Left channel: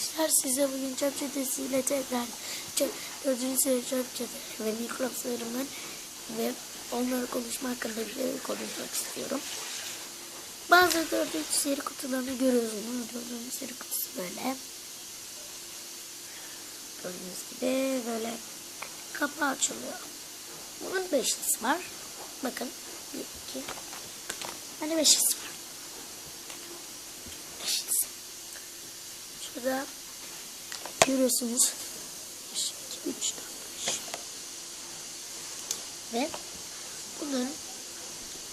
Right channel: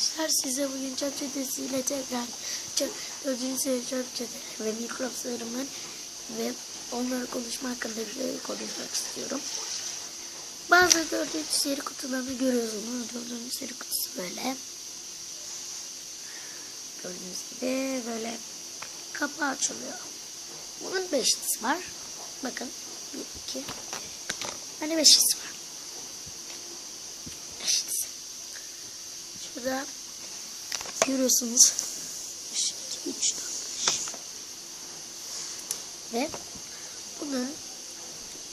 arkadaşlar size bugün çöp çetesiyle tekrar çöp, gördüğünüz gibi çöp çetesi ve mikroplarımı ve onlarla konuşma hakkında bir şey konuşmak istiyorum. Bazı dördüncü seri kutularını görüyorsunuz. Dördüncü seri kutusu böyle. Gördüğünüz gibi böyle kapağı açılıyor. Bunun beşlisi var. Bakın. Bir, iki. Böyle beşlisi var. Beşlisi. Şurada görüyorsunuz. 1, 2, 3. Ve bunların,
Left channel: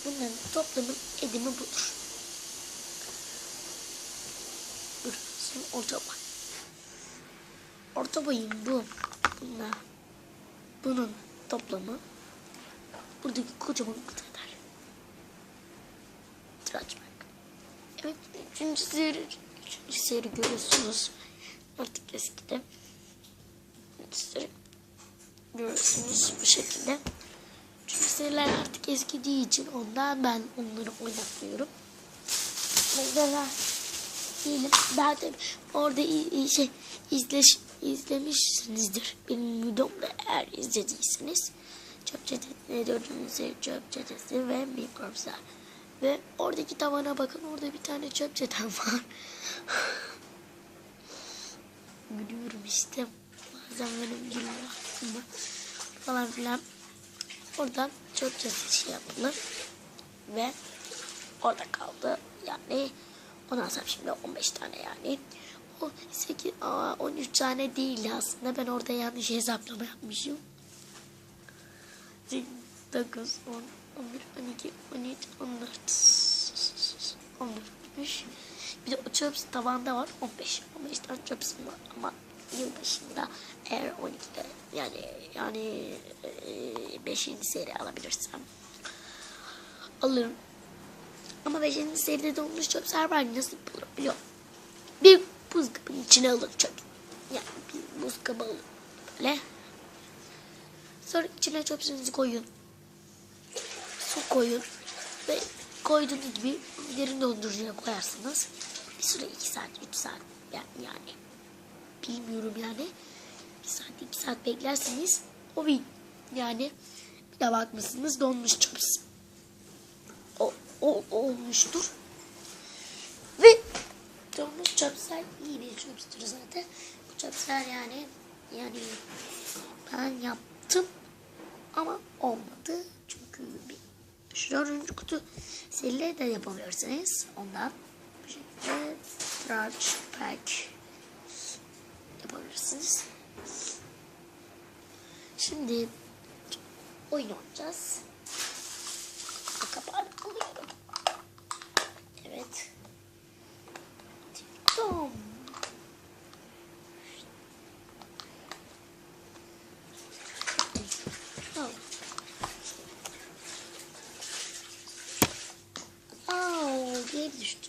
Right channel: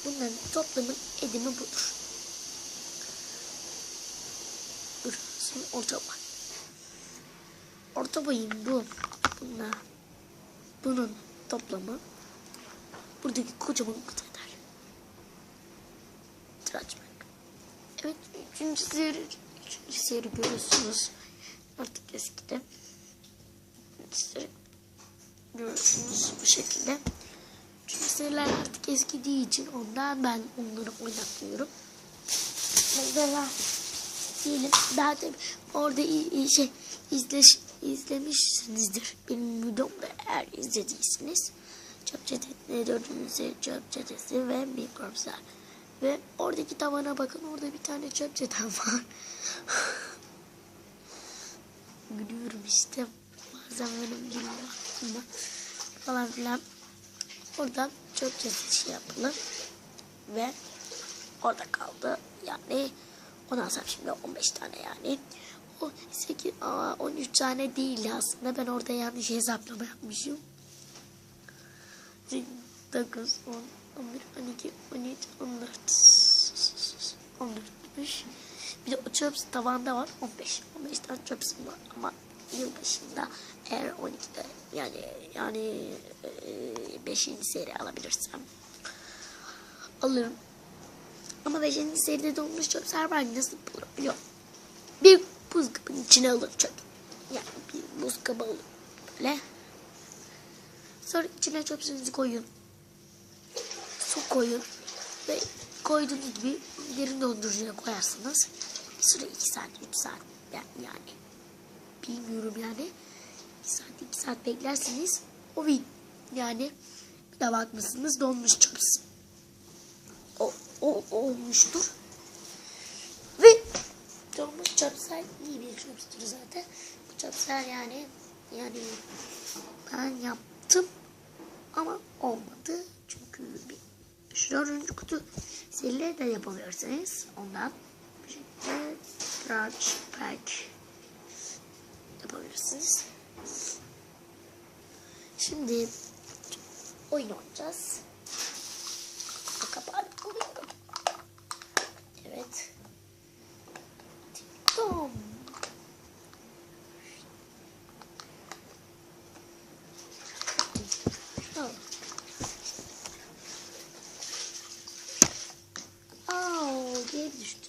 bunların toplamı edimi budur. Burası orta var. Orta boyun bu. ve Bunun toplamı buradaki kocaman kadar. Tıraş. Evet, üçüncü seri, üçüncü seri görüyorsunuz. Artık eskide. Görüyorsunuz bu şekilde. Üçüncü seriler artık eskidiği için ondan ben onları oynatmıyorum. Mesela daha da orada şey izleş, izlemişsinizdir. Benim videomda eğer izlediyseniz. Çöp çetesi, çöp çetesi ve oradaki tavana bakın orada bir tane çöp çeten var. işte falan filan. Orada çöp çetesi yapılır. Ve orada kaldı. Yani ondan sonra şimdi 15 tane yani. O 8, aa, 13 tane değil aslında. Ben orada yanlış hesaplama yapmışım. 9, 10, 11, 12, 13, 14, 15. Bir de bu çöps tabanda var 15. 15 tane çöps var. Ama 15 buna eğer on- yani yani e, 5. seri alabilirsem alırım. Ama 5. seride donmuş çöpler var nasıl bulabiliyor? Bir buz kabının içine alır çöp. Yani buz kabı böyle. Sonra içine çöpsünüzü koyun. Su koyun. Ve koyduğunuz gibi derin dondurucuya koyarsınız. Bir süre 2 saat, 3 saat yani, yani bilmiyorum yani. 1 saat, 2 saat beklerseniz o bir yani bir de bakmışsınız donmuş çöps. O, o, olmuştur. Ve donmuş çöpsler iyi bir çöpstür zaten. Bu çöpsler yani yani ben yaptım ama olmadı. Çünkü bir dördüncü kutu seriyle de yapabilirsiniz. Ondan bu branch pack yapabilirsiniz. Şimdi oyun oynayacağız. Kapağı koyuyorum. Evet. Tamam. Tamam. Au, geri düştü.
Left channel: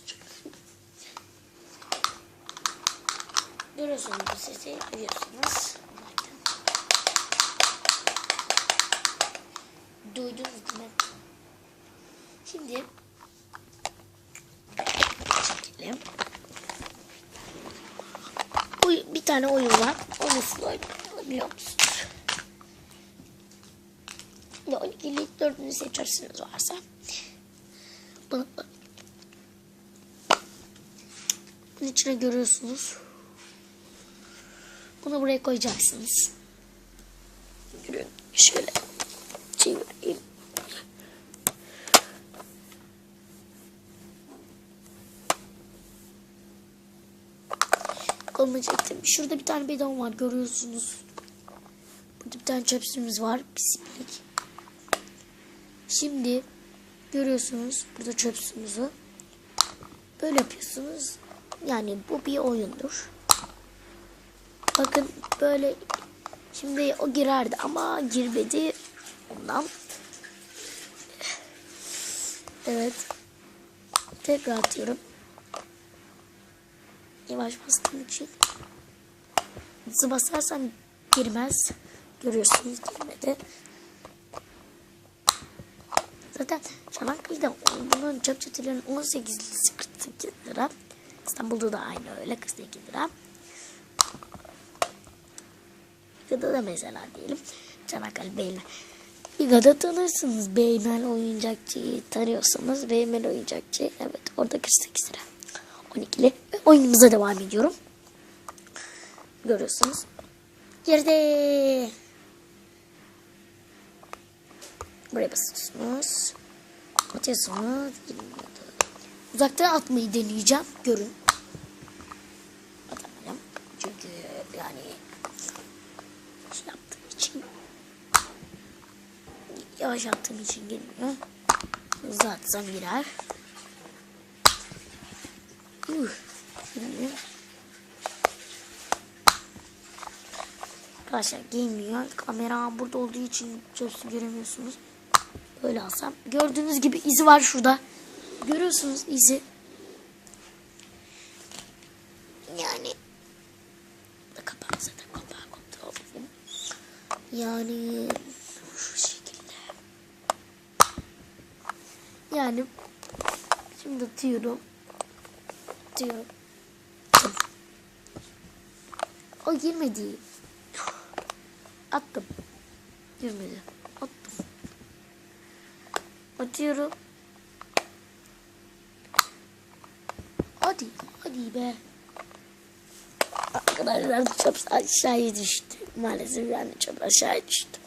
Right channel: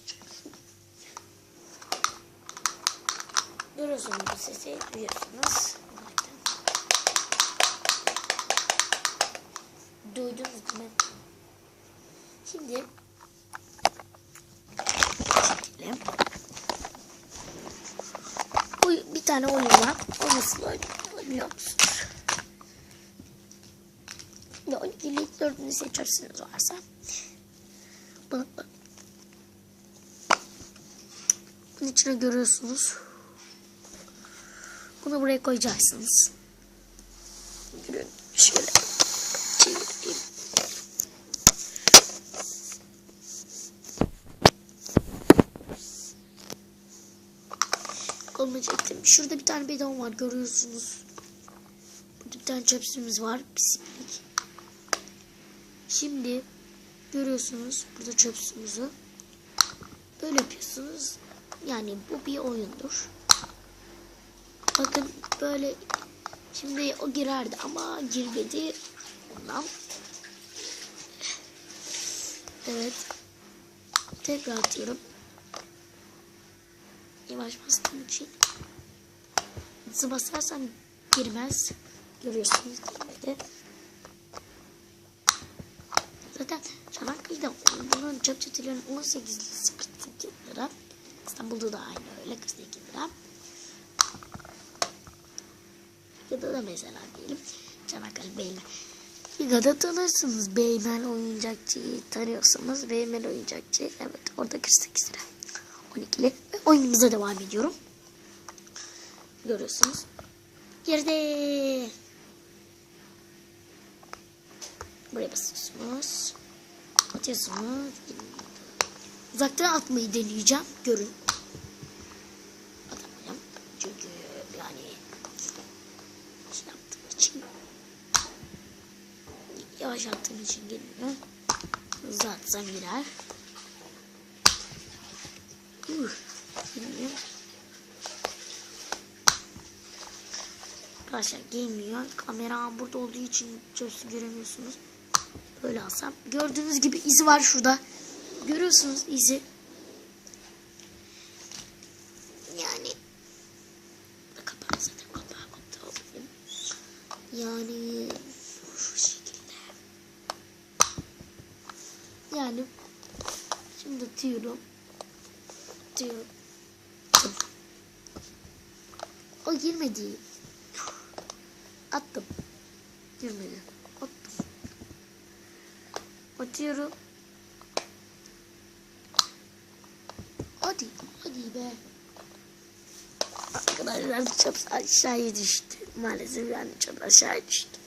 Görüyorsunuz sesi, duyuyorsunuz. Duydunuz mi? Şimdi. Bu bir tane oyun var. O nasıl oynanıyor biliyor musunuz? Şimdi 12 ile 4'ünü seçersiniz varsa. Bunu, bunun içine görüyorsunuz. Bunu buraya koyacaksınız. Şöyle, şöyle çevireyim. Kolumu çektim. Şurada bir tane bidon var görüyorsunuz. Burada bir tane çöpsümüz var. Pislik. Şimdi görüyorsunuz burada çöpsümüzü. Böyle yapıyorsunuz. Yani bu bir oyundur. Bakın böyle şimdi o girerdi ama girmedi ondan. Evet. Tekrar atıyorum. Yavaş bastığım için. Hızlı basarsam girmez. Görüyorsunuz girmedi. Zaten Çanakkale'de bunun çöp çetelerinin 18'lisi 48 lira. İstanbul'da da aynı öyle 48 lira. Viga'da da mesela diyelim. Çanakkale Beymen. Viga'da tanırsınız. Beymen oyuncakçıyı tanıyorsanız Beymen oyuncakçı. Evet orada 48 lira. 12'li. Ve oyunumuza devam ediyorum. Görüyorsunuz. Girdi. Buraya basıyorsunuz. Atıyorsunuz. Uzaktan atmayı deneyeceğim. Görün. Atamayacağım. Çünkü yani şey yaptığım için yavaş attığım için gelmiyor. Hızlı atsam girer. Uh. Arkadaşlar gelmiyor. Kamera burada olduğu için çok göremiyorsunuz. Böyle alsam. Gördüğünüz gibi izi var şurada. Görüyorsunuz izi. Yani kapağı zaten kapağı kontrol Yani şu şekilde. Yani şimdi atıyorum. Atıyorum. O girmedi. Attım. Girmedi. Attım. Atıyorum. Hadi. Hadi be. Arkadaşlar çöp aşağıya düştü. Maalesef yani çöp aşağıya düştü.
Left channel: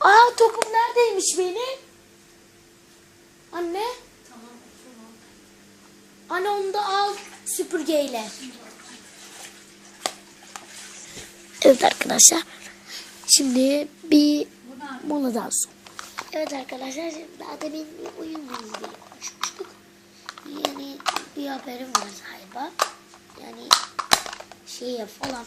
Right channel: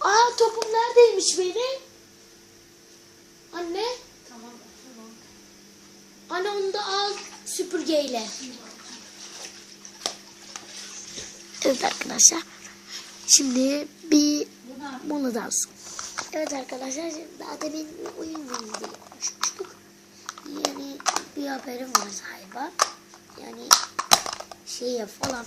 Aa topum neredeymiş benim? Anne. Anne onu da al süpürgeyle. Evet arkadaşlar. Şimdi bir mola dansın. Evet arkadaşlar şimdi daha demin bir oyun konuşmuştuk. Yani bir haberim var galiba. Yani şey yapalım.